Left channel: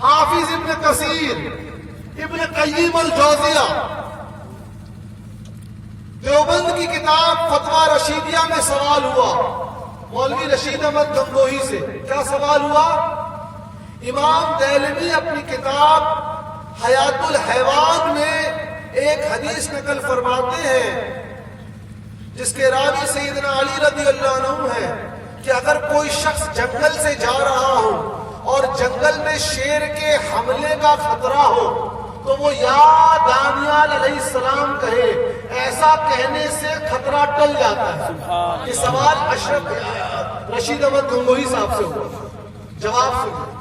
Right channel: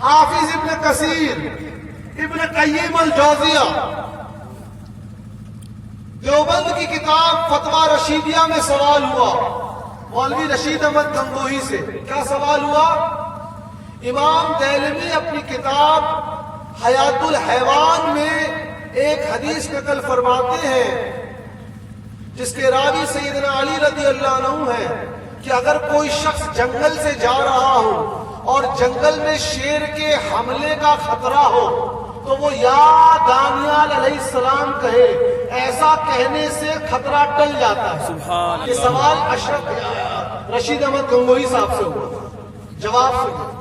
حافظ ابن کثیر، ابن قیم الجوزیہ، دیوبند کی کتاب فتویٰ رشیدیہ میں سوال ہوا مولوی رشید احمد گنگوہی سے. کیا سوال ہوا؟ امام دہلوی اپنی کتاب حیات الحیوان میں ایک حدیث نقل فرماتے ہیں جس کے راوی سیدنا علی رضی اللہ عنہ ہے کہ اگر کوئی شخص جنگل سے جا رہا ہو اور جنگل میں شیر کے حملے کا خطرہ ہو تو وہ یا دانیال علیہ السلام کہے. ایسا کہنے سے خطرہ ٹل جاتا ہے. یہ سوال اشرف رشید احمد گنگوہی صاحب سے ہوا. جواب سنیں.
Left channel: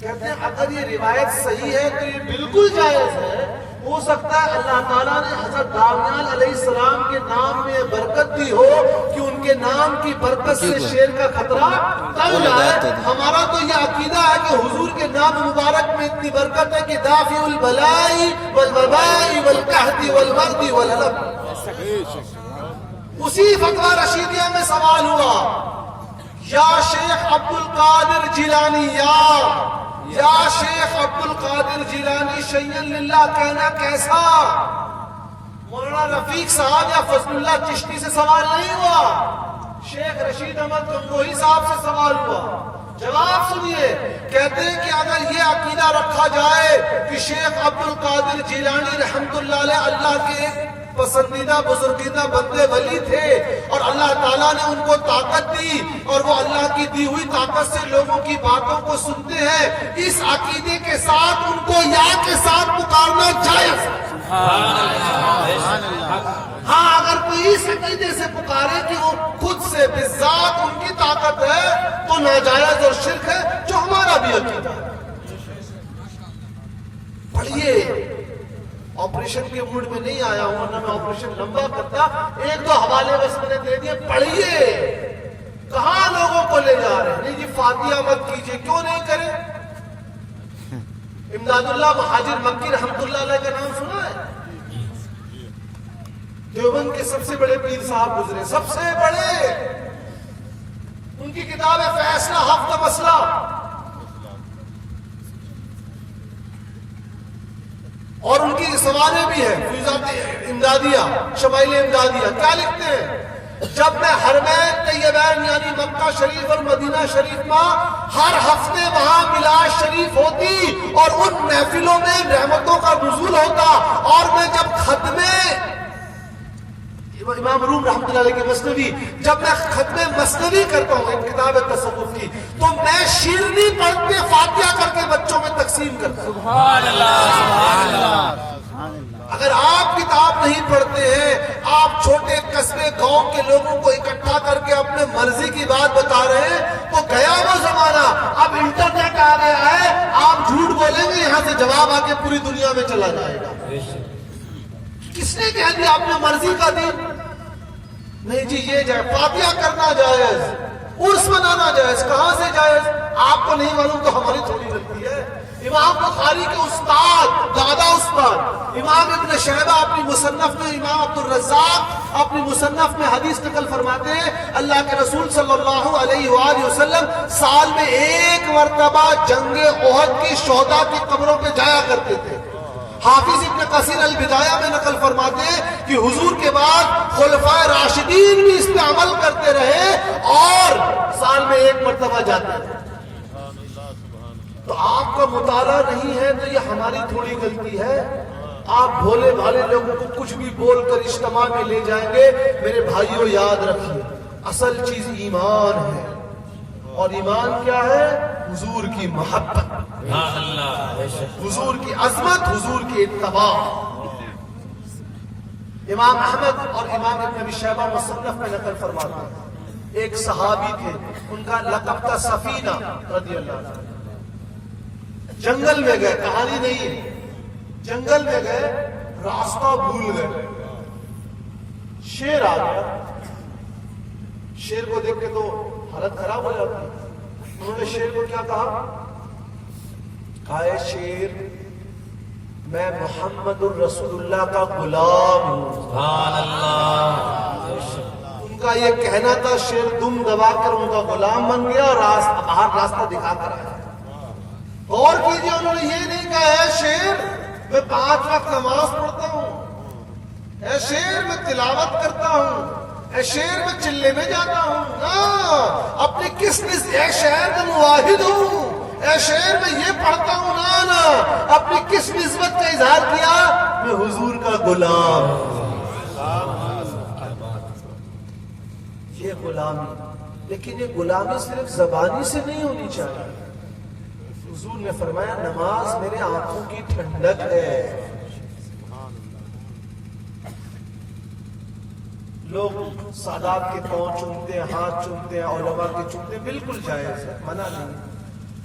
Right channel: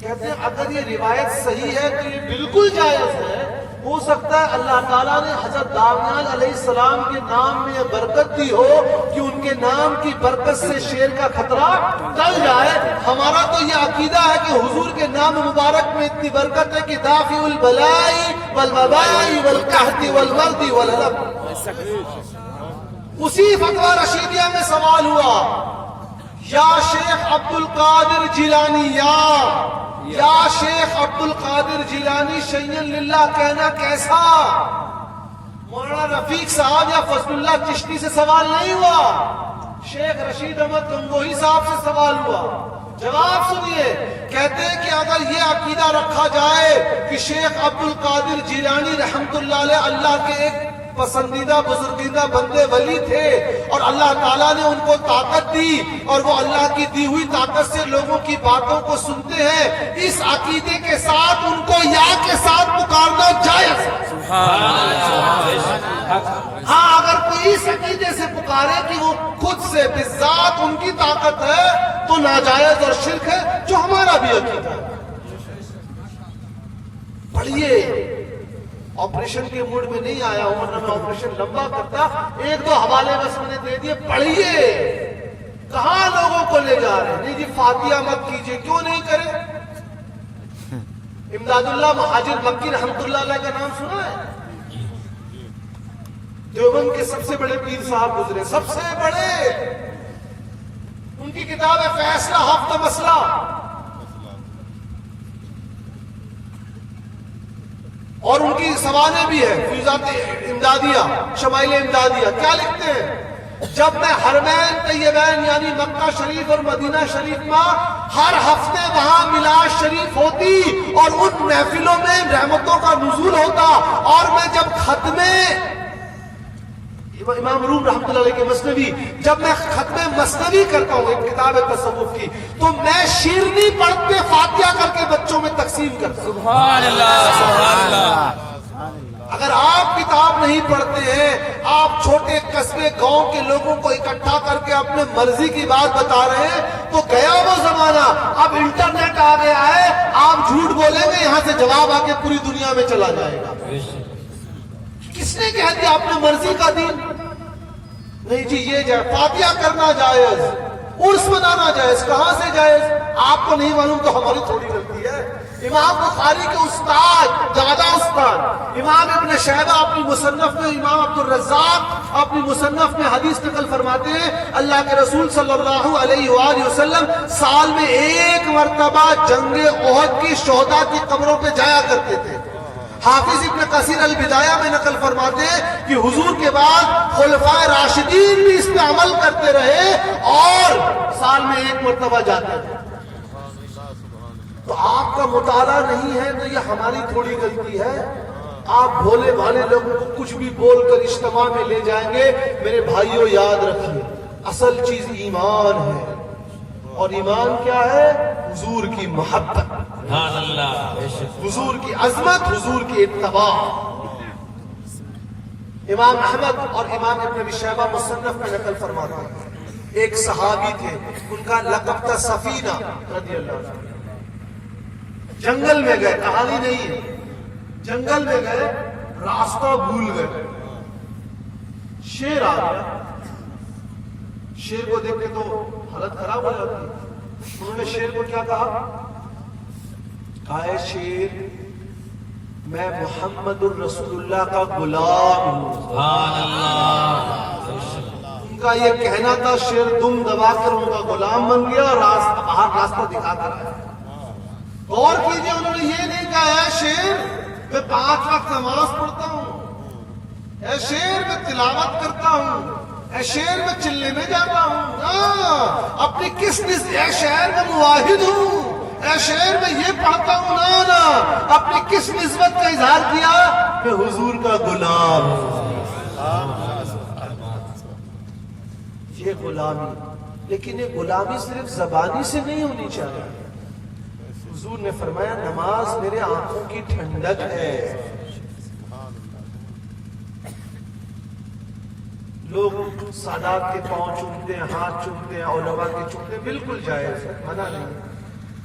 کہتے ہیں اگر یہ روایت صحیح ہے تو یہ بالکل جائز ہے. ہو سکتا ہے اللہ تعالیٰ نے حضرت دانیال علیہ السلام کے نام میں یہ برکت دی ہو کہ ان کے نام کی برکت سے شیر کا خطرہ ٹل جائے. ہمارا تو یہ عقیدہ ہے کہ حضور کے نام مبارک میں اتنی برکت ہے کہ دافع البلائی والوبائی والقحط والبرد والحلق. اسی فتویٰ رشیدیہ میں سوال ہوا یا شیخ عبد القادر جیلانی یا شیخ عبد القادر جیلانی شیئن للہ کہنا کیسا؟ مولانا رفیق صاحب یا فضل اللہ چشتی سے سوال نہیں ہوا، شیخ رشید احمد گنگوہی صاحب سے سوال ہوا. جواب سنیے. کہتے ہیں کہ اگر یہ عقیدہ رکھا جائے کہ شیخ عبد القادر جیلانی رحمت اللہ علیہ اللہ کے ایک پسندیدہ بزرگیدہ بندے ولی تھے اور اللہ تعالیٰ نے ان کو طاقت دی اور وہ اللہ کی دی ہوئی طاقت سے لوگوں کی باتوں کو سنتے ہیں، اس عقیدے کے ساتھ ان کو یا کے ساتھ پکارنا جائز. ہاں اگر کوئی اس عقیدے سے پکارے کہ وہ خود سے بذات ان کی طاقت ہے تو ناجائز اور شرک ہے، جو ہمارا بھی عقیدہ ہے. پڑھیے. آپریشن کے موڈ میں نہیں آیا ہوں ورنہ میں آپریشن لمبا کرتا. ایک دو حوالے بس میں نے دے دیے. پڑھیے. کہاں لوگوں کو لے جا رہے ہیں؟ نہیں جی فاتحہ مت کیجیے. کیوں نہیں کریں؟ امداد اللہ مہاجر مکی رحمت اللہ علیہ کا نام سنا ہے؟ دیوبند کے سب سے بڑے پیر صاحب گزرے، سب سے بڑے. ان کی کتاب ہے فیصلہ ہفتہ مسئلہ. اور ان کی سوانح بھی ہے فیوزات امدادیہ، شمائل امدادیہ. کیا لکھتے ہیں؟ جب میں حرمین طیبین یعنی مکہ شریف اور مدینہ شریف میں ہر ہفتے وہاں میلاد شریف ہوتی اور ان محفلوں میں رحمتوں کا نزول ہوتا اور میں جب ختمے امام روم رحمۃ اللہ علیہ کے مثنوی جب میں ختم مثنوی کرتا ہوں ایک کتاب ہے تصوف کی تو میں شیرنی پڑھ کے فاتحہ کر کے بچوں میں تقسیم کرتا ہوں. سبحان اللہ سبحان اللہ. اگر آپ کتاب نہیں پڑھتے ہیں، آپ چھوٹے قصبے گاؤں کے لوگوں کو اکٹھا کر کے اپنے مرضی کی بات بتا رہے ہیں تو گیا وہ زمانہ. اب انٹرنیٹ آ گیا ہے، آپ جھوٹ بولیں گے یہاں سے جواب آ کے پوری دنیا میں چلا جائے گا. کس نے کہہ دیا آپ نے مرضی کا دین؟ نہیں جی یہ جائے فاتحہ کرنا جائز، عرس منانا جائز. کہاں سے جائز؟ آپ کو نہیں معلوم تو ہماری تھوڑی غلطی ہے. امام بخاری کے استاد دادا استاد امام ابن شہبہ اپنی مصنف میں، امام عبد الرزاق اپنی مصنف میں حدیث نقل فرماتے ہیں اللہ کے رسول صلی اللہ علیہ وآلہ وسلم سال میں ایک مرتبہ جنگ احد کی شہداء کی قبروں پہ جایا کرتے تھے. حافظ ابن کثیر البدایہ میں نقل فرماتے ہیں کہ حضور کے بعد خلفائے راشدین بھی اس پہ عمل کرتے رہے اور سال میں ایک مرتبہ جاتے تھے. تو آپ کا مطالعہ نہیں ہے تو یہ ہماری تھوڑی غلطی ہے. آپ بھولے بھالے لوگوں کو کچھ بھی بول کر اجتماع میں لے جائیں گے. میرے بھائیوں یاد رکھیے اصل چیز ایمان ہے. اور ایمان کیا ہے؟ حضور کی محبت، حضور کی عظمت، حضور کی اتباع. امام احمد اور امام ابن ابی شیبہ مصنف میں نقل فرماتے ہیں ایک صحابی تھے ان کا لقب تھا سفینہ رضی اللہ عنہ. جنگل میں گئے، کہانی نہیں ہے، جنگل میں گئے، راستہ بھول گئے، شیر آ گیا. شیر کو دیکھ کے تو حالت خراب ہو جاتی ہے. انہوں نے شیر کو کیا کہا؟ اے شیر میں محمد الرسول اللہ کا غلام ہوں. سبحان اللہ. ان کا یہ کہنا تھا، شیر دم دبا کر ان کا غلام بن گیا، باہر راستہ دکھا کر آیا. غور کیجیے، انہوں نے یہ نہیں کہا اے شیر میں 5 وقت نماز پڑھتا ہوں، اے شیر میں تلاوت کرتا ہوں، اے شیر میں چلے میں جاتا ہوں، اپنی کس نسبت اے شیر میں مواحد ہوں، اے شیر میں یہ پڑھتا ہوں، نا اپنی کس نسبت کا اظہار کیا؟ میں حضور کا غلام۔ یہ غلامی، لیکن یہ غلامی صرف زبانی سے نہیں ہونی چاہیے۔ حضور نے فرمایا نماز میرے آنکھوں کی ٹھنڈک ہے۔ لوگ سادات کے پاؤں چومتے ہیں، ہاتھ چومتے ہیں، علماء کے چومتے ہیں، بالکل جائز ہے، منع نہیں۔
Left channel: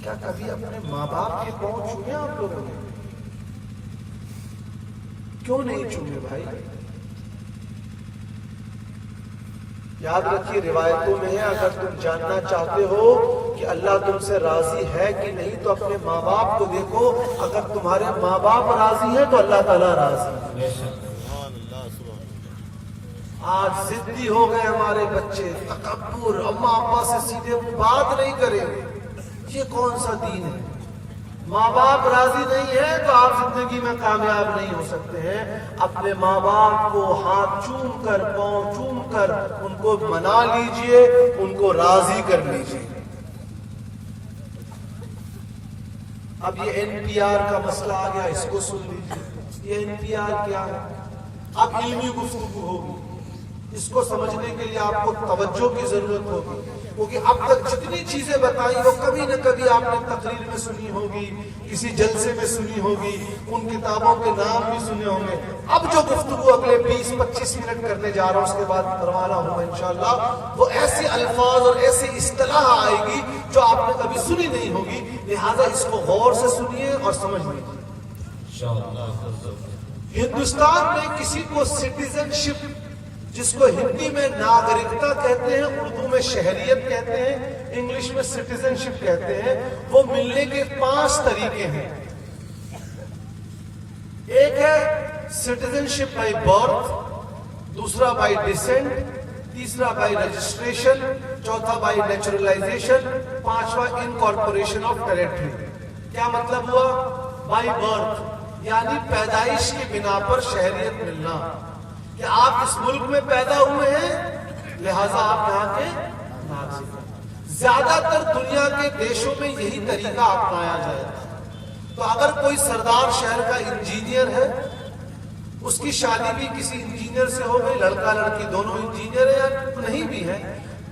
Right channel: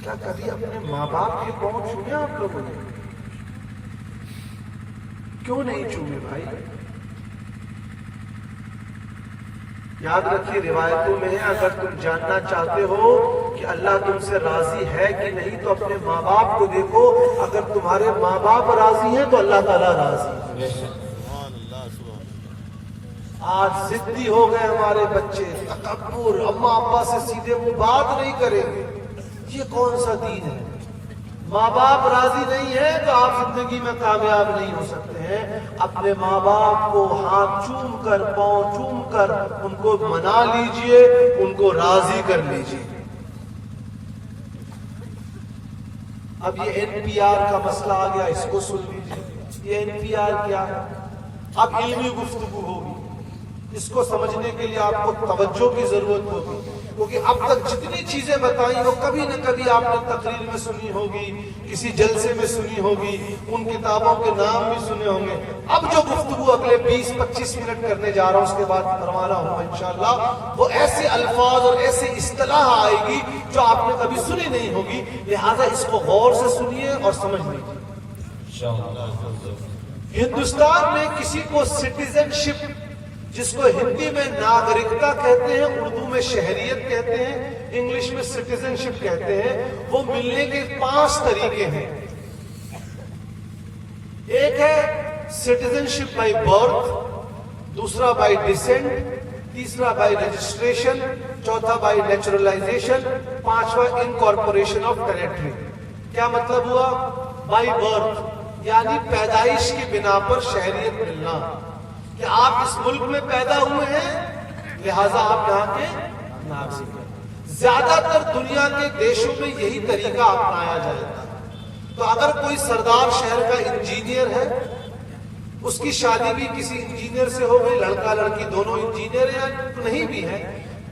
کیا کبھی اپنے ماں باپ کے پاؤں چومے آپ لوگوں نے؟ کیوں نہیں چومے بھائی؟ یاد رکھیے روایتوں میں ہے، اگر تم جاننا چاہتے ہو کہ اللہ تم سے راضی ہے کہ نہیں تو اپنے ماں باپ کو دیکھو، اگر تمہارے ماں باپ راضی ہیں تو اللہ تعالیٰ راضی ہے۔ آج ضدی ہو گئے ہمارے بچے، تکبر، اماں ابا سے سیدھے بات نہیں کریں گے، یہ کون سا دین ہے؟ ماں باپ راضی نہیں ہے تو آپ زندگی میں کامیاب نہیں ہو سکتے ہیں۔ اپنے ماں باپ کو ہاتھ چوم کر، پاؤں چوم کر ان کو منا لیجئے، ان کو راضی کر لیجئے۔ اب یہ NPR کا مسئلہ آ گیا، اس کو سن لیجئے۔ یہ NPR کیا ہے؟ اب علمی گفتگو ہوگی، اس کو سمجھنے کے لیے آپ کو توجہ کی ضرورت ہوگی، کیونکہ اب تک جتنی چیزیں بتائیں وہ کبھی نہ کبھی آپ نے تقریر میں سنی ہوگی، کسی جلسے میں سنی ہوگی، ان کتابوں کے نام بھی سنے ہوں گے۔ اب جو گفتگو اگلے 20-25 منٹ کرنے جا رہا ہوں، اس کے بعد کروا رہا ہوں انشاءاللہ، وہ ایسے الفاظ اور ایسی اصطلاح آئے گی جو آپ نے کبھی سنی نہیں ہوگی، لہذا اس کو غور سے سنیے اور سمجھ لیجیے۔ ہندوستان میں کسی کو سٹیزن شپ، جس کو ہندی میں ناگرکتا کہتے ہیں، اردو میں شہریت کہتے ہیں، انگلش میں سٹیزن شپ کہتے ہیں، وہ ملنے کے 5 طریقے ہیں۔ ایک ہے سٹیزن شپ بائی برتھ، دوسرا بائی ڈسینٹ، تیسرا بائی رجسٹریشن، چوتھا بائی نیچرلائزیشن، پانچواں انکارپوریشن آف ٹیریٹری۔ کیا مطلب ہوا؟ بائی برتھ یعنی پیدائش کی بنا پر شہریت ملنا، کہ آپ اس ملک میں پیدا ہوئے ہیں لہذا آپ یہاں کے ناگرک ہیں۔ زیادہ تر دنیا کے دیشوں میں یہی طریقہ اپنایا جاتا ہے۔ تو اگر کوئی سردار شہر کا انجینئر ہے، اس کی شادی بھی کسی انجینئر سے ہو گئی، لڑکا لڑکی دونوں انجینئر ہیں یا نہیں بھی ہے،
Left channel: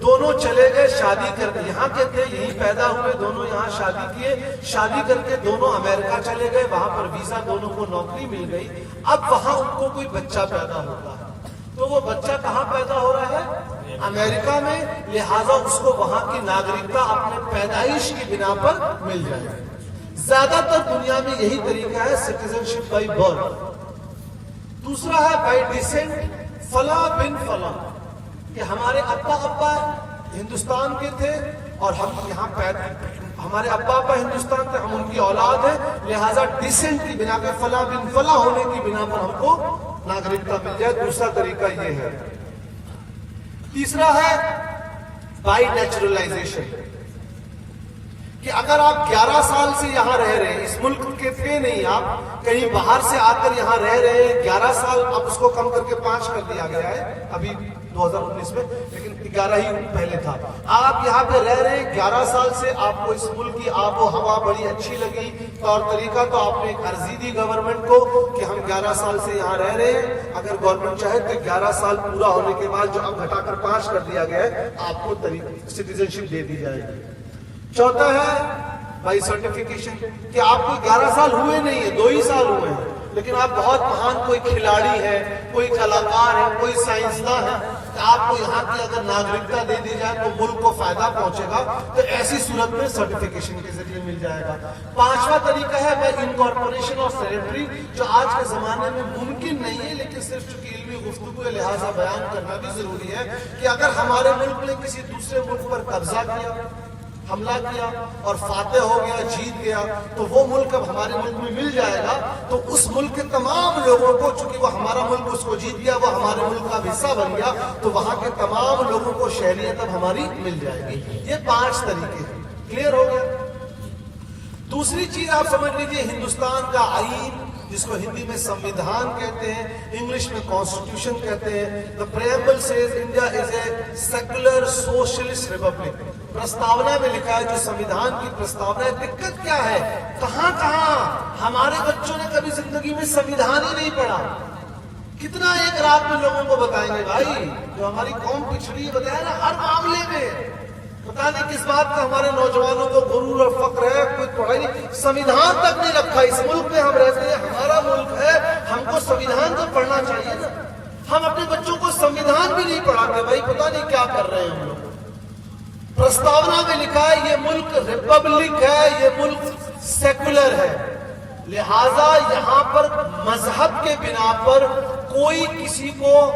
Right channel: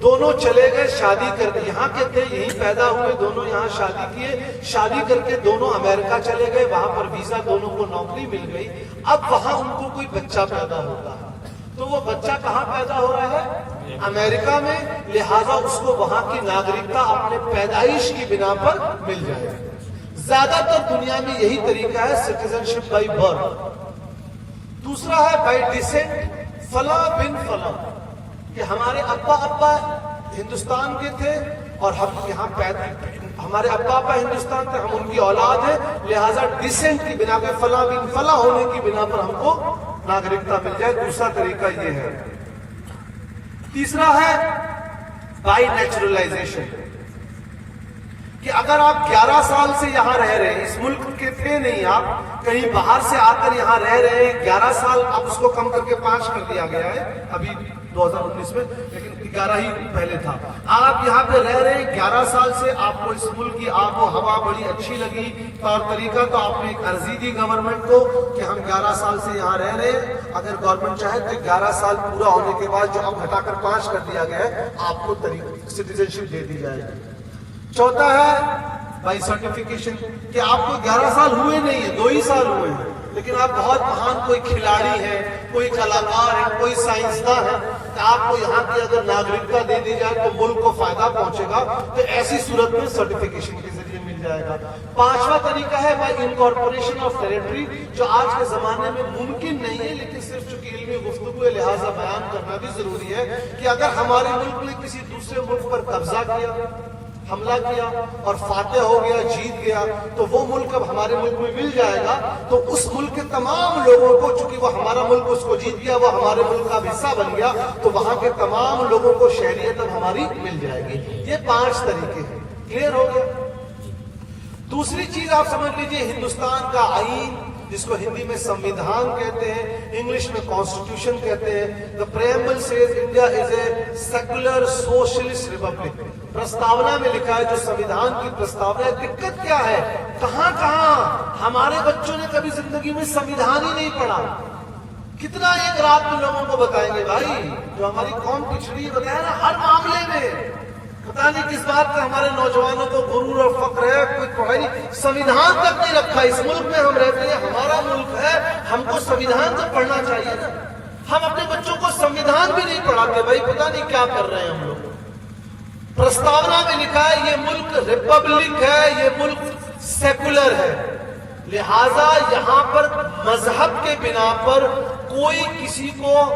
دونوں چلے گئے شادی کر کے، یہاں کے تھے یہیں پیدا ہوئے، دونوں یہاں شادی کیے، شادی کر کے دونوں امریکہ چلے گئے، وہاں پر ویزا، دونوں کو نوکری مل گئی۔ اب وہاں ان کو کوئی بچہ پیدا ہوتا ہے، تو وہ بچہ کہاں پیدا ہو رہا ہے؟ امریکہ میں، لہذا اس کو وہاں کی ناگرکتا اپنے پیدائش کی بنا پر مل جائے گی۔ زیادہ تر دنیا میں یہی طریقہ ہے، سٹیزن شپ بائی برتھ۔ دوسرا ہے بائی ڈسینٹ، فلاں بن فلاں، کہ ہمارے ابا ہندوستان کے تھے اور ہم یہاں پیدا، ہمارے ابا ہندوستان تھے، ہم ان کی اولاد ہیں، لہذا ڈسینٹ کی بنا پہ، فلاں بن فلاں ہونے کی بنا پر ہم کو ناگرکتا مل جائے۔ دوسرا طریقہ یہ ہے۔ تیسرا ہے بائی نیچرلائزیشن، کہ اگر آپ 11 سال سے یہاں رہ رہے ہیں، اس ملک کے تھے نہیں، آپ کہیں باہر سے آ کر یہاں رہ رہے ہیں 11 سال، اب اس کو کم کر کے 5 کر دیا گیا ہے ابھی 2019 میں، لیکن 11 ہی پہلے تھا۔ آپ یہاں پہ رہ رہے ہیں 11 سال سے، آپ کو اس ملک کی آب و ہوا بڑی اچھی لگی، طور طریقہ، تو آپ نے ایک عرضی دی گورنمنٹ کو کہ ہم 11 سال سے یہاں رہ رہے ہیں، اگر گورنمنٹ چاہے تو 11 سال پورا ہونے کے بعد جو اب ہٹا کر 5 کر دیا گیا ہے، آپ کو سٹیزن شپ دے دی جائے گی۔ چوتھا ہے بائی سرٹیفکیشن، کہ آپ کو 11 سال ہوئے نہیں ہیں، 2 ہی سال ہوئے ہیں، لیکن آپ بہت مہان کوئی کھلاڑی ہے، کوئی کلاکار ہے، کوئی سائنسداں ہے، کہ آپ کو یہاں کی اگر ناگرکتا دے دی جائے تو ملک کو فائدہ پہنچے گا، تو ایسی صورت میں سرٹیفکیشن کے ذریعے مل جائے گا۔ پانچواں طریقہ ہے بائی انکارپوریشن آف ٹیریٹری، جو آج کے زمانے میں ممکن نہیں ہے، لیکن صرف چونکہ علمی گفتگو ہے لہٰذا بیان کرنا بھی ضروری ہے، کہ اگر ہمارے ملک نے کسی دوسرے ملک پر قبضہ کیا، حملہ کیا اور فاتح ہو گیا، جیت گیا، تو وہ ملک اب ہمارے ملک میں مل جائے گا، تو اس ملک کے تمام لوگوں کو، چونکہ وہ ہمارا ملک اس کو جیت گیا، وہ ہمارے ملک کا حصہ بن گیا، تو وہاں کے تمام لوگوں کو شہریت اب ہماری مل جائے گی۔ یہ 5 طریقے ہیں، کلیئر ہو گیا؟ دوسری چیز آپ سمجھ لیجئے، ہندوستان کا آئین جس کو ہندی میں سمویدھان کہتے ہیں، انگلش میں کانسٹیٹیوشن کہتے ہیں. The preamble says India is a secular socialist republic. پرستاونا میں لکھا ہے جو سمویدھان کی پرستاونا ہے. دقت کیا ہے؟ کہاں ہمارے بچوں نے کبھی زندگی میں سمویدھان ہی نہیں پڑھا. کتنا ایک رات میں لوگوں کو بتائیں گے بھائی، جو ہماری قوم پچھڑی بتایا نا ہر معاملے میں. پتا نہیں کس بات کا ہمارے نوجوانوں کو غرور اور فخر ہے، کوئی پڑھائی نہیں، سمویدھان تک نہیں رکھا. اس ملک میں ہم رہتے ہیں، ہمارا ملک ہے، ہم کو سمویدھان تو پڑھنا چاہیے نا. ہم اپنے بچوں کو سمویدھان بھی نہیں پڑھاتے بھائی، پتا نہیں کیا کر رہے ہیں ہم لوگ. پرستاونا میں لکھا ہے یہ ملک ریپبلک ہے، یہ ملک سیکولر ہے، لہذا یہاں پر مذہب کے بنا پر کوئی کسی کو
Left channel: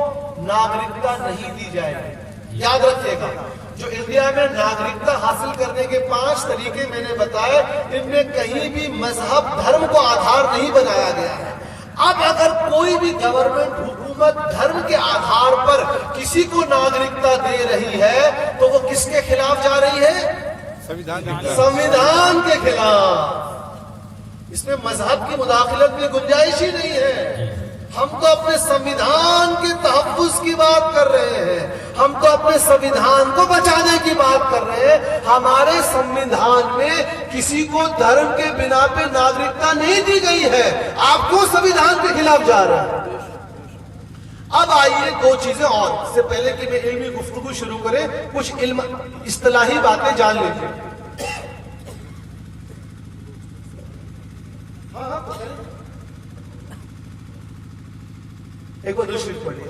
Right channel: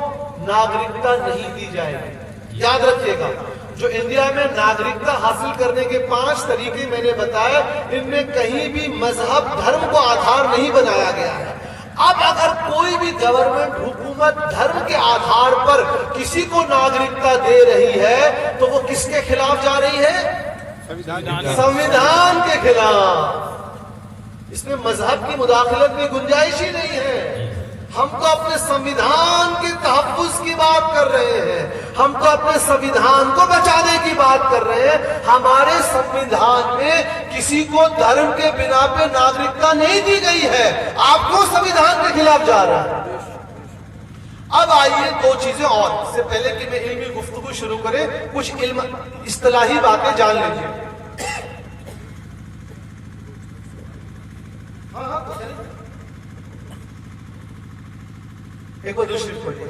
ناگرکتا نہیں دی جائے گی. یاد رکھیے گا، جو انڈیا میں ناگرکتا حاصل کرنے کے 5 طریقے میں نے بتایا، ان میں کہیں بھی مذہب دھرم کو آدھار نہیں بنایا گیا ہے. اب اگر کوئی بھی گورنمنٹ حکومت دھرم کے آدھار پر کسی کو ناگرکتا دے رہی ہے تو وہ کس کے خلاف جا رہی ہے؟ سمویدھان کے خلاف. اس میں مذہب کی مداخلت میں گنجائش ہی نہیں ہے. ہم تو اپنے سمویدھان کے تحفظ کی بات کر رہے ہیں، ہم تو اپنے سمویدھان کو بچانے کی بات کر رہے ہیں. ہمارے سمویدھان میں کسی کو دھرم کے بنا پہ ناگرکتا نہیں دی گئی ہے. آپ کو سمویدھان کے خلاف جا رہا ہے. اب آئیے 2 چیزیں اور، اس سے پہلے کہ میں علمی گفتگو شروع کریں کچھ علم اصطلاحی باتیں جان لیجیے. ایک اور دوسری پڑھیے.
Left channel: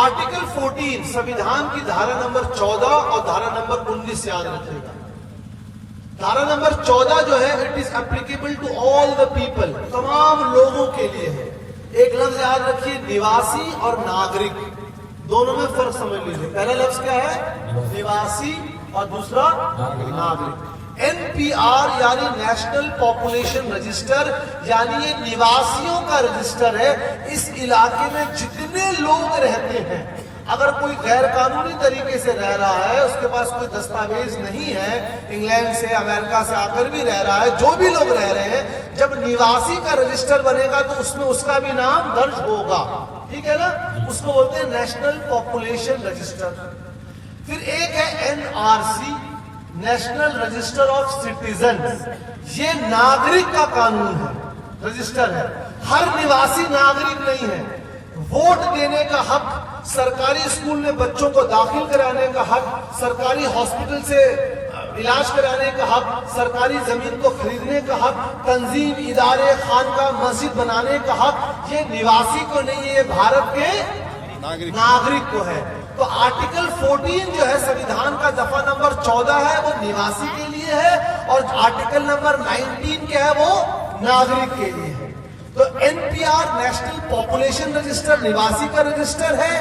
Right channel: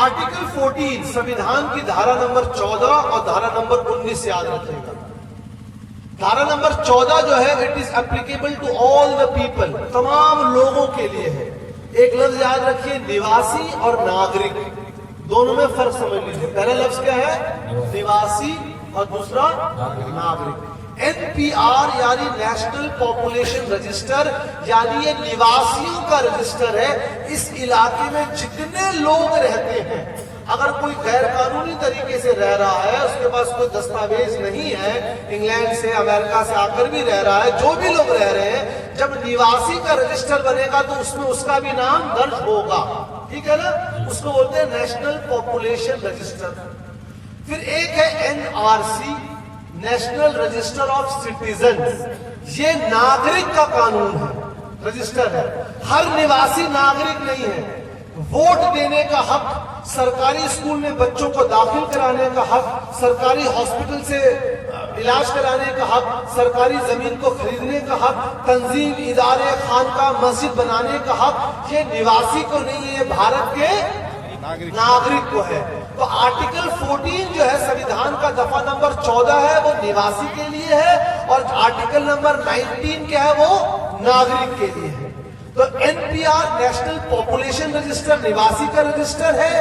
آرٹیکل 14 سمویدھان کی دھارا نمبر 14 اور دھارا نمبر 19 یاد رکھے گا. دھارا نمبر 14 جو ہے it is applicable to all the people, تمام لوگوں کے لیے ہے. ایک لفظ یاد رکھیے، نواسی اور ناگرک، دونوں میں فرق سمجھ لیجیے. پہلا لفظ کیا ہے؟ نواسی اور دوسرا ناگرک. NPR یعنی نیشنل پاپولیشن رجسٹر، یعنی یہ نواسیوں کا رجسٹر ہے. اس علاقے میں جتنے لوگ رہتے ہیں، اگر کوئی غیر قانونی طریقے سے رہ رہا ہے، اس کے پاس کوئی دستاویز نہیں ہے، انگلینڈ سے امریکہ سے آ کر بھی رہ رہا ہے، جو بھی لوگ رہ رہے ہیں، جب نواسی کا رجسٹر بنے گا تو اس میں اس کا بھی نام درج ہوگا. ٹھیک ہے نا؟ اس کو بولتے ہیں نیشنل پاپولیشن رجسٹر. پھر ایک ہے NRC، national register of citizens. یہ ناگرک کا قانون ہے، رجسٹر ہے. ہر نواسی ناگرک نہیں ہے. ووٹ دینے کا حق، سرکاری اسکول میں بچوں کو داخل کرانے کا حق، سرکاری ہاسپٹل سے علاج کرانے کا حق، سرکاری زمین کو خریدنے کا حق، تنظیم، ادارے، خانقاہ، مسجد بنانے کا حق، یہ نواسی کو نہیں ہے، یہ بھارت کے ناگرک کو ہے. تو آرٹیکل 14 جو ہے سمویدھان کا دفعہ نمبر 14 ہے، وہ نواسی کے لیے ہے، اور آرٹیکل نمبر 19 کیا ہے؟ وہ ناگرک کے لیے ہے. تو NPR نیشنل پاپولیشن رجسٹر نواسی کا رجسٹر ہے.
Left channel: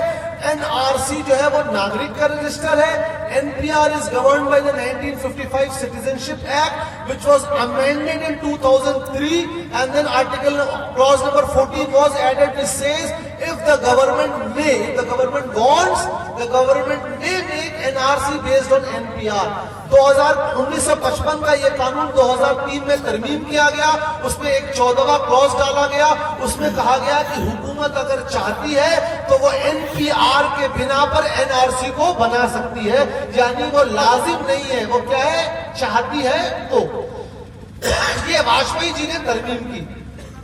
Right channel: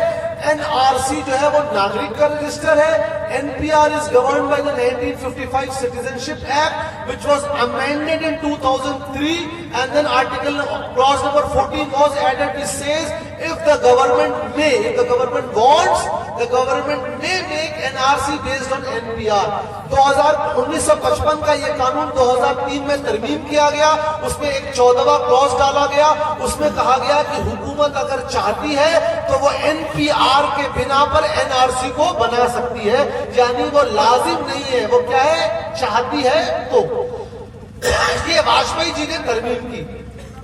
NRC جو ہے وہ ناگرک کا رجسٹر ہے. NPR is governed by the 1955 Citizenship Act which was amended in 2003, and then article clause number 14 was added which says if the government may, if the government wants, the government may make NRC based on NPR. 1955 کا یہ قانون 2003 میں ترمیم کیا گیا. اس میں ایک 14واں close ڈالا گیا. اس میں کہا گیا کہ حکومت اگر چاہتی ہے تو وہ NPR کے بنا پر NRC کو بنا سکتی ہے، یعنی وہ لازم نہیں ہے، وہ کیا ہے؟ چاہتی ہے. تو یہ واجپئی جی نے ترمیم کی.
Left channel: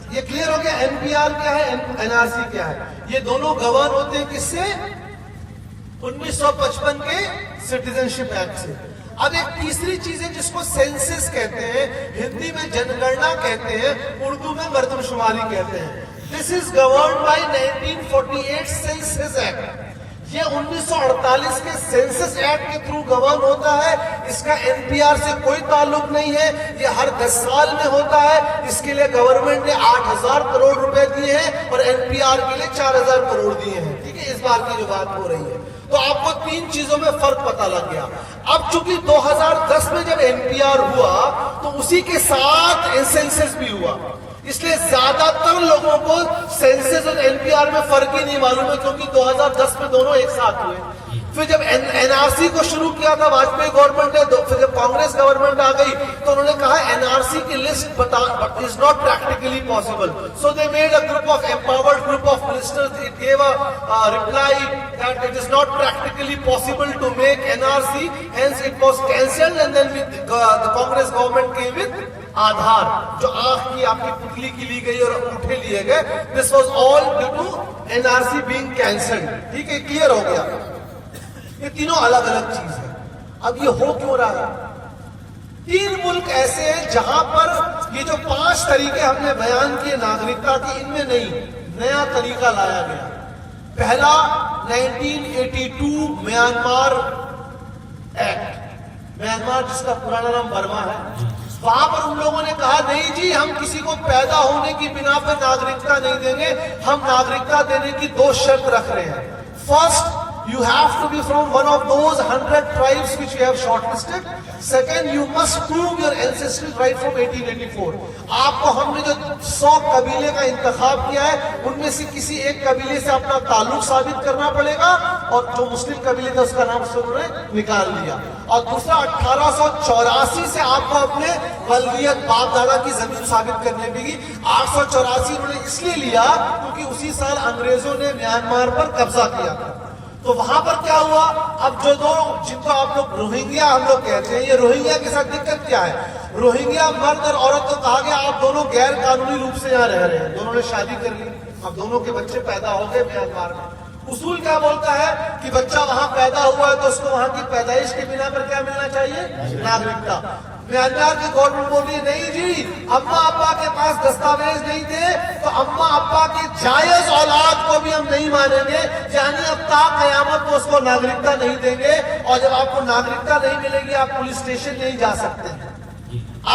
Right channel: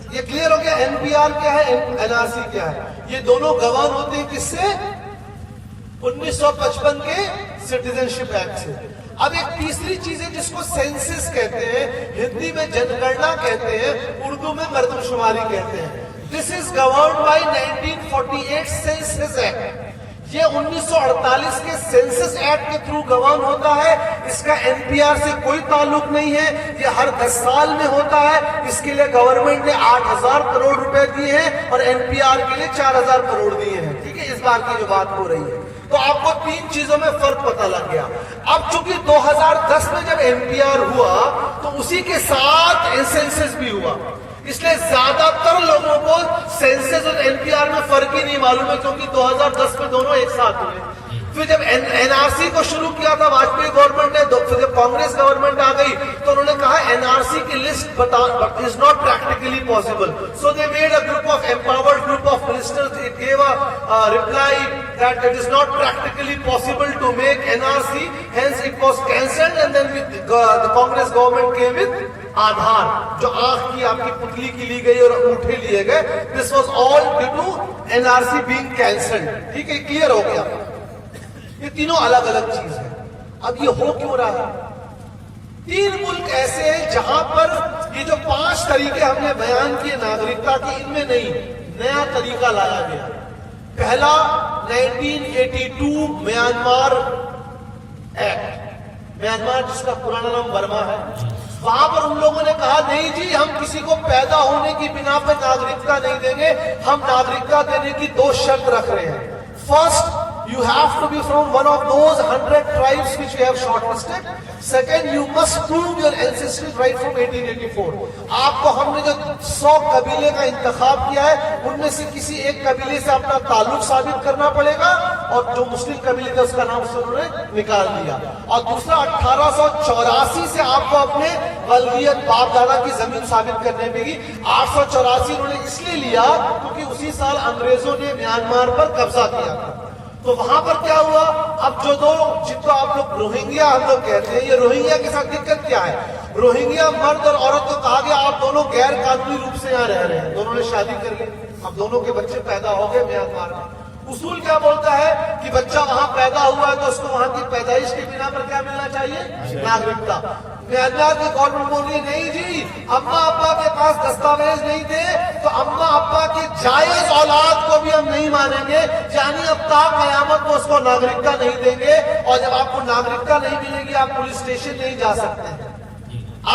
یہ کلیئر ہو گیا NPR کیا ہے، NRC کیا ہے. یہ دونوں گواہ ہوتے ہیں کس سے؟ 1955 کے سٹیزنشپ ایکٹ سے. اب ایک تیسری چیز ہے جس کو سینسس کہتے ہیں، ہندی میں جن گننا کہتے ہیں، اردو میں مردم شماری کہتے ہیں. This is governed by 1948 census act. یہ 1948 کے سینسس ایکٹ کے تھرو گورن ہوتا ہے. اس کا NPR سے کوئی تعلق نہیں ہے. یہ ہر 10 سال میں ہوتا ہے. اس کے لیے گورنمنٹ نے 8,000 کروڑ روپے دیے ہیں اور NPR کے لیے 4,000 کروڑ دیے ہیں. ٹھیک ہے، اس بار کی جو بات ہو رہی ہے. تو آپ کو 3 چیزوں میں فرق پتہ لگ گیا. اب چونکہ 2010 میں جب NPR ہوا تو اسی کے ساتھ سینسس بھی ہوا. اس لیے زیادہ تر لوگوں کو سینسس اور این پی آر میں فرق ہی نہیں معلوم ہے، کیونکہ 2010 میں دونوں ایک ساتھ ہوئے. پھر جب این آر سی کو شروع کیا تھا واجپئی گورنمنٹ نے، پھر جب کانگریس گورنمنٹ آ گئی تو انہوں نے کہا این آر سی کی list is not practically possible. So they made a group of empowered group of ministers. It gave a reply that it is not practically possible to make NRC, hence it was cancelled, and then the Congress government came with Aadhaar, جو آنکھ کی آپ کی پتلی کی لی گئی اور انگوٹھے لیے گئے. This was all due to NRC being cancelled. ٹھیک ہے، کلیئر ہو گیا. یہ تینوں الگ الگ چیز ہے. اب یہ ہو کیوں رہا ہے؟ 3 ملک ایسے ہیں جہاں پر یہ جو 5 طریقے ہم نے بیان کیے ناگرکتا کے، ان میں نہیں، نیا طریقہ لایا گیا. پہلا 1982 میانمار ایکٹ، میانمار جس کا پرانا نام برما ہے. وہاں پر ان لوگوں نے کہا نہیں جی، ہم کسی کو پیدا ہونے کی بنا پہ ناگرکتا نہیں دیں گے، ہم ناگرکتا دینے کی 2 شرط رکھ رہے ہیں. First, you have to be from one of those 100 tribes which we have shortlisted. Second, you must prove your ancestry right from 1884. آپ کو ہم نے جو 100 قبیلے کا انتخاب کیا ہے، ان میں سے کسی ایک قبیلے سے اپنا تعلق ثابت کرنا پڑے گا، اور جو مسلم قبیلے تھا اس کا نام سے انہوں نے نکال لیا. اور دوسرا 1884 سے آپ کو اپنے والدیت باپ دادا کی زمین ثابت کرنے پڑے گی. 884 انہوں نے اس لیے لیا کیونکہ اسی سال انگریزوں نے میانمار پر قبضہ کیا تھا. تو وہاں پر کیا ہوا؟ اب جو دو، جن کو آپ لوگ روہنگیا ہم لوگ کہتے ہیں، یہ روہنگیا کے ساتھ دقت کیا ہے؟ روہنگیا مرد اور عورت کو کہا گیا آپ دونوں غیر قانونی روپ سے یہاں رہ رہے ہیں، دونوں نے شادی کر لی، اب دونوں کے بچے پیدا ہو گئے میانمار میں. اصول کیا بولتا ہے کہ بچہ وہاں پیدا ہوا ہے تو اس کو وہاں کی پیدائش کے بنا پر کیا ملنا چاہیے؟ ناگرکتا. میانمار کی گورنمنٹ بول رہی ہے نہیں جی، اما ابا کے پاس دستاویز نہیں تھے تو اما ابا کے جائز اولاد کو بھی ہم نہیں مانیں گے، یعنی اب تا قیامت کو اس کو ناگرکتا نہیں دیں گے. اور جب آپ کو ناگرکتا نہیں ملے گی آپ پولیس اسٹیشن نہیں جا سکتے ہیں،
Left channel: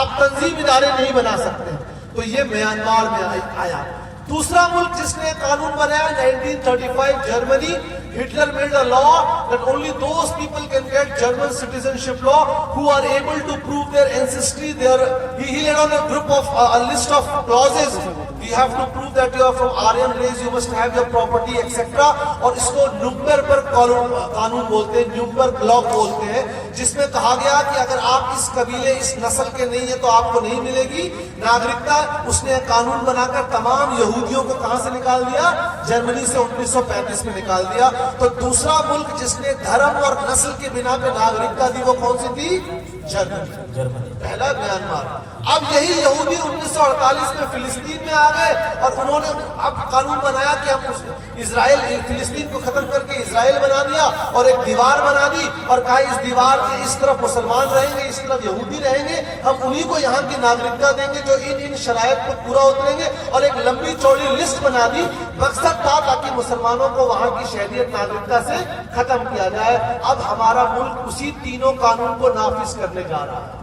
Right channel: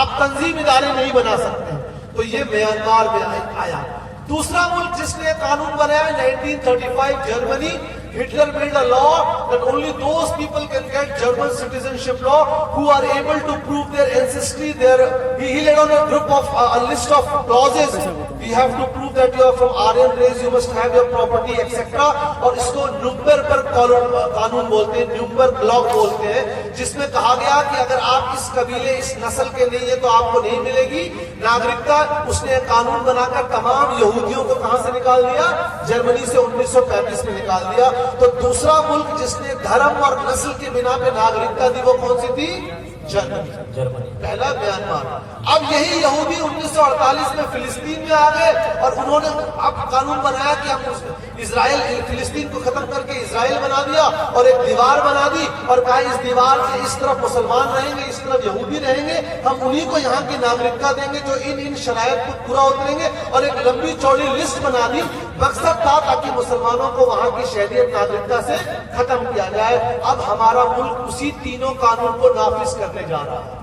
آپ تنظیم ادارے نہیں بنا سکتے ہیں. تو یہ میانمار میں آیا. دوسرا ملک جس نے قانون بنایا 1935 Germany. Hitler made a law that only those people can get German citizenship law who are able to prove their ancestry. He laid on a list of clauses. You have to prove that you are from Aryan race, you must have your property, etc. اور اس کو نیورنبرگ پر قانون بولتے ہیں، نیورنبرگ لا بولتے ہیں، جس میں کہا گیا کہ اگر آپ اس قبیلے اس نسل کے نہیں ہیں تو آپ کو نہیں ملے گی ناگرکتا. اس نے قانون بنا کر تمام یہودیوں کو کہاں سے نکال دیا؟ جرمنی سے 1935 میں نکال دیا. تو دوسرا ملک جس نے دھرم اور نسل کے بنا پہ ناگرکتا دی وہ کون سی تھی؟ جرمنی. پہلا میانمار. اب یہی یہودی 1948 میں فلسطین میں آ گئے اور انہوں نے اب قانون بنایا کہ اب اسرائیل، فلسطین کو ختم کر کے اسرائیل بنا دیا اور ایک دیوار بنا دی اور کہا اس دیوار کے اس طرف مسلمان رہیں گے، اس طرف یہودی رہیں گے، ہم انہی کو یہاں کی ناگرکتا دیں گے جو ان شرائط کو پورا اتریں گے. اور ایک لمبی چوڑی لسٹ بنا دی. مقصد تھا تاکہ مسلمانوں کو وہاں کی شہریت ناگرکتا سے ختم کیا جائے. اب ہمارا ملک اسی تینوں قانون کو نافذ کرنے جا رہا ہے.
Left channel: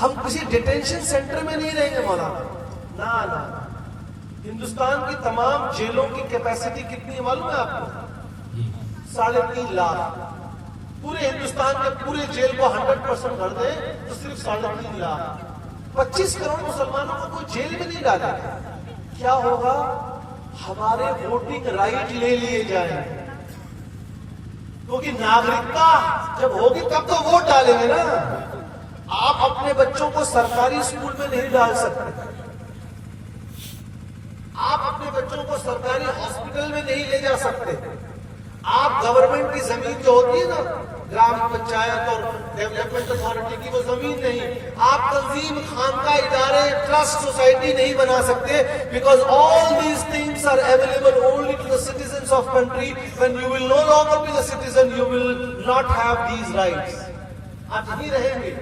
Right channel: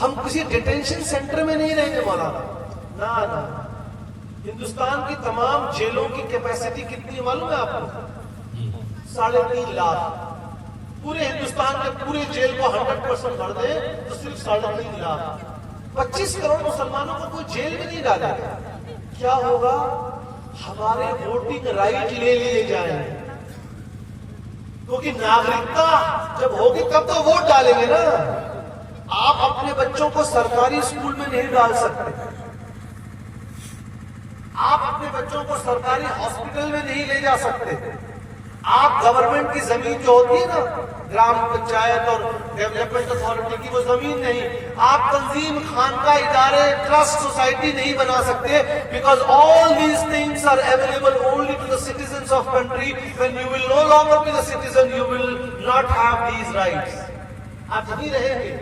ہم کسی ڈیٹینشن سینٹر میں نہیں رہیں گے مولانا، نہ. ہندوستان کی تمام جیلوں کی کیپیسٹی کتنی ہے معلوم ہے آپ کو؟ 3.5 لاکھ. پورے ہندوستان میں پورے جیل کو 100% بھر دے تو صرف 3.5 لاکھ. 25 کروڑ مسلمانوں کو کوئی جیل میں نہیں ڈالے گا. کیا ہوگا؟ ہمارے ووٹنگ رائٹ لے لیے جائیں گے، کیونکہ ناگرکتا جب ہوگی تب تو ووٹ ڈالیں گے نا. آپ اپنے بچوں کو سرکاری اسکول میں نہیں ڈال سکتے، آپ اپنے بچوں کو سرکاری ہاسپٹل میں نہیں لے جا سکتے. آپ گورنمنٹ کی زمین جو ہوتی ہے نا، گرام پنچایت اور ڈیولپمنٹ اتھارٹی کی، وہ زمین نہیں. آپ تنظیم، خانقاہ ادارے، ٹرسٹ، سوسائٹی نہیں بنا سکتے. Because all these things are available only to the citizens of country. When you will no longer be the citizen you will not have these rights. آپ نہیں رہیں گے،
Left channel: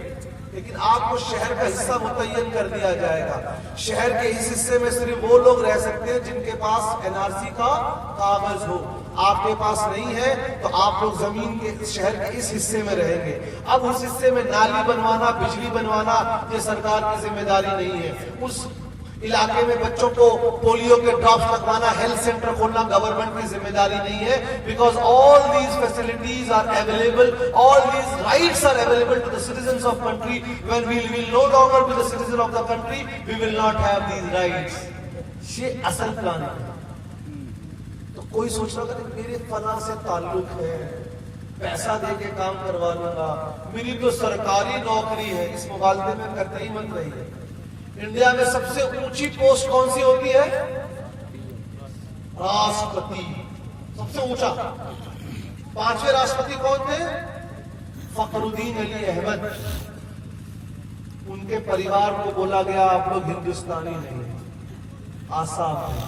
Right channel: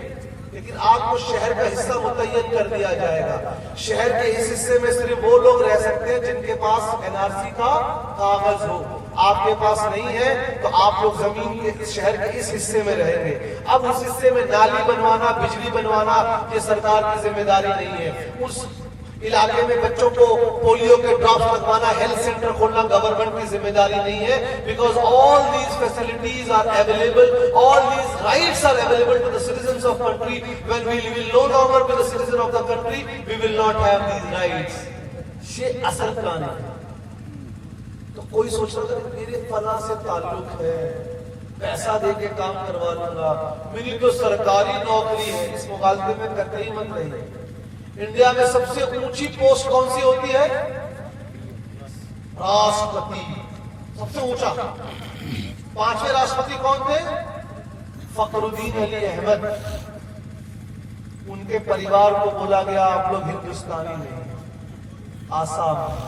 لیکن آپ کو شہر کا حصہ متعین کر دیا جائے گا. شہر کے اس حصے میں صرف وہ لوگ رہ سکتے ہیں جن کے پاس NRC کا کاغذ ہو. آپ کے پاس نہیں ہے تو آپ لوگ زمین کے شہر کے اس حصے میں رہیں گے. اب اس حصے میں نالی بنوانا، بجلی بنوانا یہ سرکار کی ذمہ داری نہیں ہے. اس علاقے میں بچوں کو پولیو کے ڈراپس لگوانا, ہیلتھ سینٹر کھولنا گورنمنٹ کی ذمہ داری نہیں ہے, because all these facilities are available, all these rights are available to the citizens of country. When we will no longer be the citizen of the country, we will not have these rights. یہ اصل کہانی ہے. تو کوئی سوچ رہا کہ میرے فلاں سے تعلق ہے, پیسہ دے کے کام کروا لوں گا, میری تو سرکاری نوکری ہے, اس مغالطے میں کرتے ہی مت رہی ہے. انڈیا میں سب سے اونچی پوسٹ کون سی ہوتی ہے؟ راشٹرپتی, سب سے اونچا. 5ویں راشٹرپتی کون تھے؟ فخر الدین علی احمد. ان کے پریوار کو بولا گیا آپ لوگ ہندوستانی نہیں, آسام میں.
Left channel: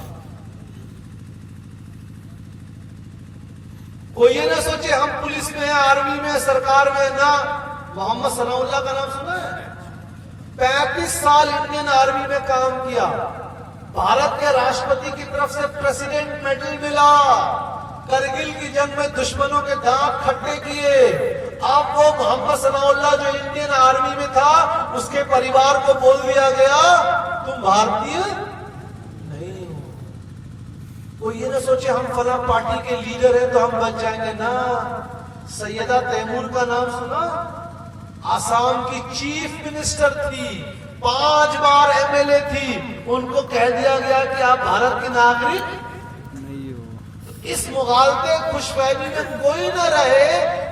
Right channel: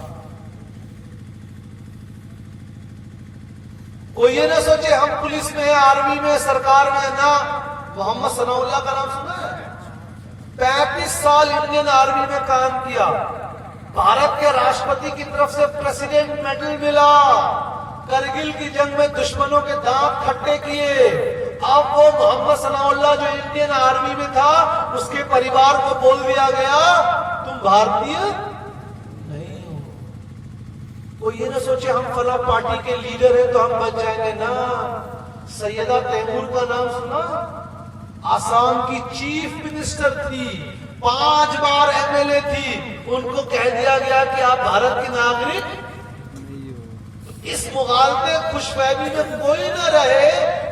کوئی یہ نہ سوچے ہم پولیس میں ہیں, آرمی میں, سرکار میں, نہ. محمد ثناء اللہ کا نام سنا ہے؟ 35 سال انڈین آرمی میں کام کیا, بھارت کے راشٹرپتی کی طرف سے پریسیڈنٹ میڈل ملا, کرگل کی جنگ میں دشمنوں کے دانت کھٹے کیے. اب وہ محمد ثناء اللہ جو انڈین آرمی میں تھا, اس کے پریوار کو بول دیا گیا تم بھارتیہ نہیں. کوئی یہ نہ سوچے ہم فلاں پارٹی کے لیڈر ہیں تو ہم بچ جائیں گے, نا. سیدہ تیمور کا نام سنا؟ آسام کی چیف منسٹر تھی, 5 بار MLA تھی. ان کو کہہ دیا گیا کہ آپ بھارت کے ناگرک. اس مغالطے خوش فہمی میں کوئی نہ رہے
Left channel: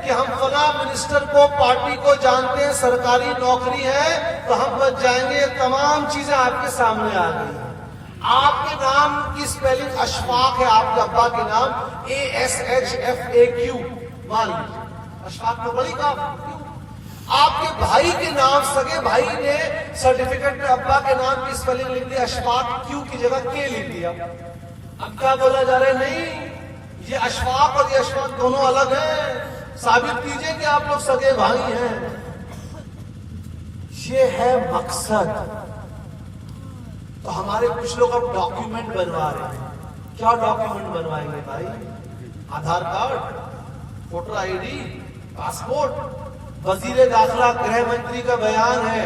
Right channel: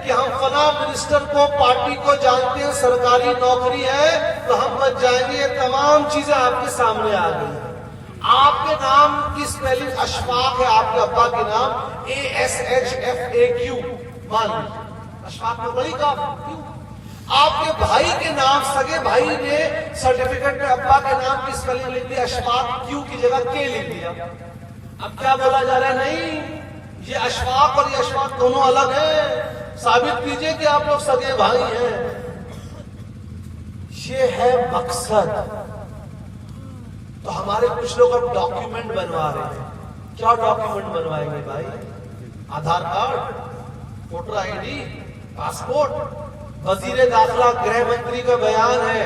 کہ ہم فلاں منسٹر کو, پارٹی کو جانتے ہیں, سرکاری نوکری ہے تو ہم بچ جائیں گے. تمام چیزیں آپ کے سامنے آ گئی. آپ کے نام کی سپیلنگ اشفاق ہے, آپ کے ابا کے نام ASHFAQ. مان لیجیے اشفاق میں بڑی کام. آپ کے بھائی کے نام, سگے بھائی نے سرٹیفکیٹ میں ابا کے نام کی سپیلنگ لکھ دیا, اشفاق کیو کی جگہ کے لکھ دیا. اب کیا بولا جا رہا ہے؟ نہیں, یہ اشفاق اور یہ اشفاق دونوں الگ ہیں. ثابت کیجئے کہ آپ لوگ سگے بھائی ہیں. یہ ہے مقصد. تو ہمارے کچھ لوگ اب ڈاکیومنٹ بنوا رہے ہیں. کیا ڈاکیومنٹ بنوائیں گے بھائی؟ Aadhaar card, voter ID, passport. وزیر داخلہ گرہ منتری کا بیان ہے,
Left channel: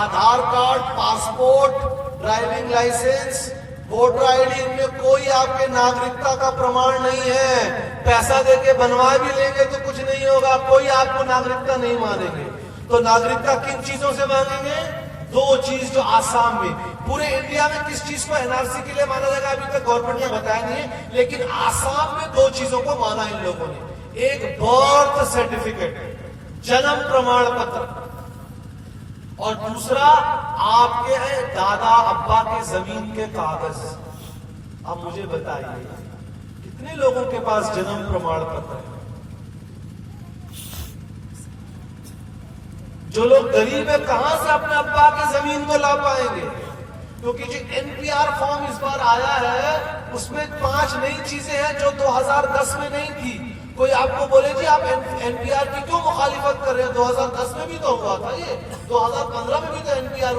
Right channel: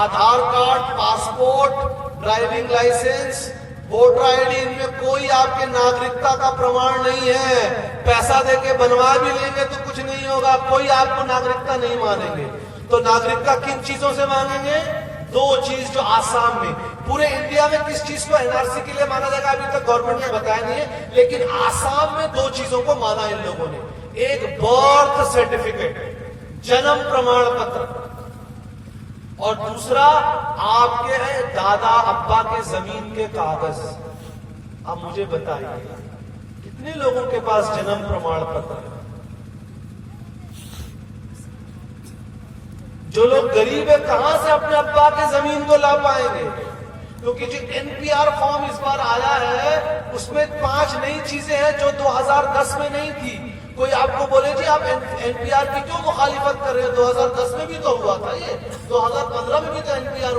Aadhaar card, passport, driving licence, voter ID, ان میں کوئی آپ کے ناگرکتا کا پرمان نہیں ہے. پیسہ دے کے بنوا بھی لیں گے تو کچھ نہیں ہوگا, کوئی آپ کو ناگرکتا نہیں مانیں گے. تو ناگرکتا کن چیزوں سے مانیں گے؟ 2 چیز جو آسام میں. پورے انڈیا میں کس چیز کو NRC کے لیے مانا جائے گا ابھی تک گورنمنٹ نے بتایا نہیں ہے, لیکن آسام میں 2 چیزوں کو مانا ان لوگوں نے. ایک برتھ سرٹیفکیٹ, جنم پرمان پتر, اور دوسرا آپ کے دادا ابا کے زمین کے کاغذ. اب مجھے بتائیے کتنے لوگوں کے پاس جنم پرمان پتر ہے؟ جو لوگ غریب ہیں کہاں سے اپنے ابا کے زمین کو لا پائیں گے؟ کیونکہ جو NPR فارم اس بار آیا ہے اس میں 5 نئی چیزیں ہیں جو 2010 میں نہیں تھی. کوئی آپ کو بولے جی آپ NPR کی کیوں مخالفت کر رہے ہیں؟ 2010 میں بھی تو ہوا تھا, یہ 2015